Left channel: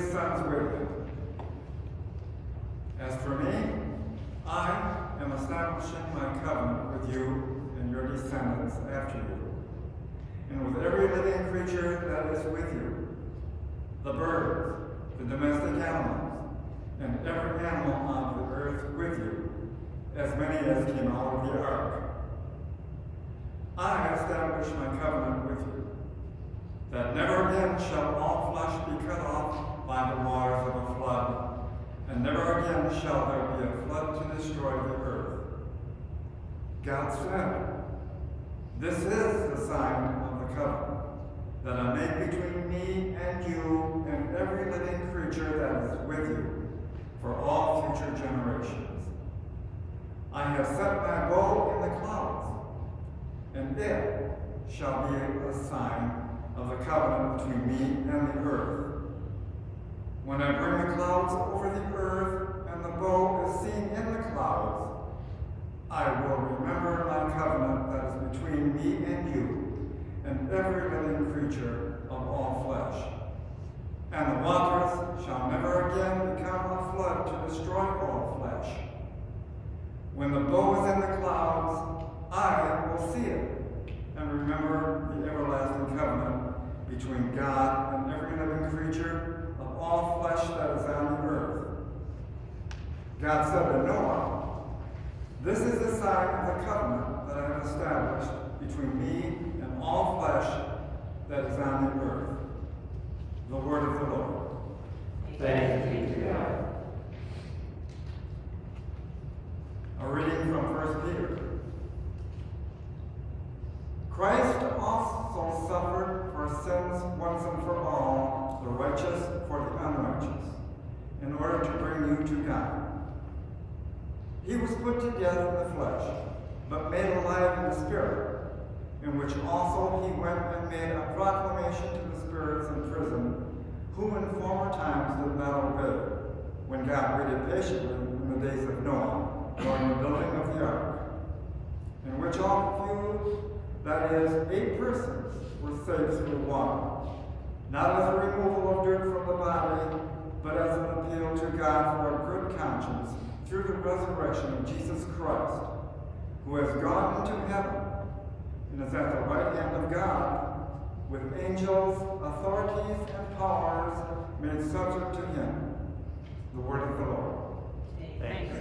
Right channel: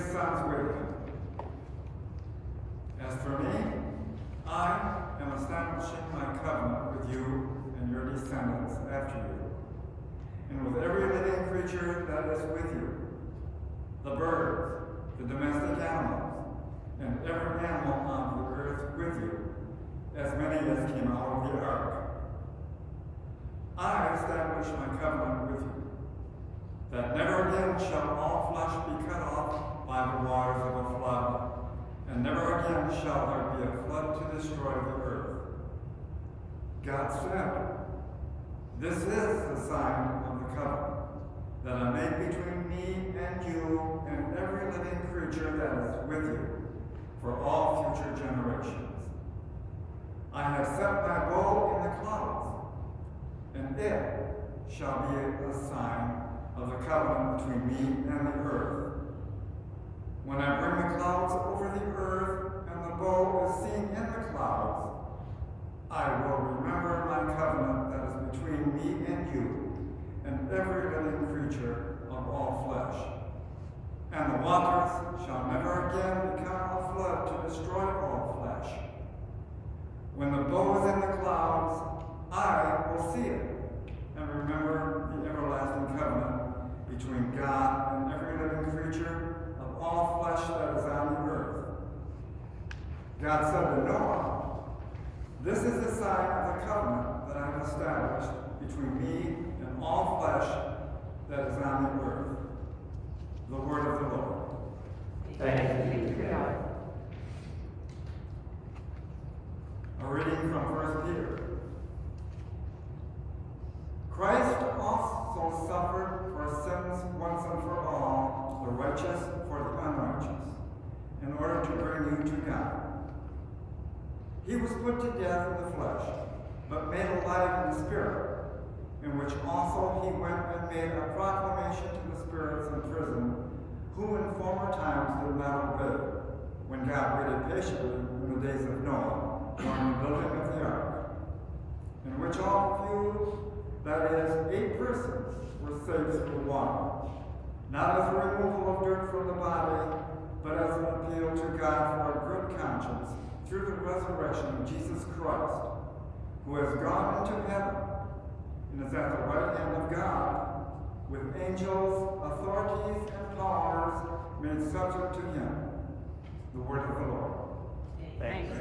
his sons with him. As for me, I am establishing my covenant with you and your descendants after you, and with every living creature that is with you, the birds, the domestic animals, and every animal on the earth with you, as many as came out of the ark. I establish my covenant with you, that never again shall all flesh be cut off by the waters of a flood, and never again shall there be a flood to destroy the earth. God said, "This is the sign of the covenant that I make between me and you and every living creature that is with you for all future generations. I have set my bow in the clouds, and it shall be a sign of the covenant between me and the earth. When I bring the clouds over the earth and the bow is seen in the clouds, I will remember my covenant that is between me and you and every living creature of all flesh. And the waters shall never again become a flood to destroy all flesh. When the bow is in the clouds, I will see it and remember the everlasting covenant between God and every living creature of all flesh that is on the earth." God said to Noah, "This is the sign of the covenant that I have established between me and all flesh that is on the earth." The word of the Lord. Thanks be to God. A reading from 1 Peter. Christ also suffered for sins once and for all, the righteous for the unrighteous, in order to bring you to God. He was put to death in the flesh, but made alive in the spirit, in which also he went and made a proclamation to the spirits in prison, who in former times did not obey, when God waited patiently in the days of Noah during the building of the ark, in which all few, that is, 8 persons, were saved through water, not as a removal of dirt from the body, but as an appeal to God for a good conscience through the resurrection of Jesus Christ, who has gone into heaven and is at the right hand of God, with angels, authorities, and powers made subject to him. The word of the Lord. Thanks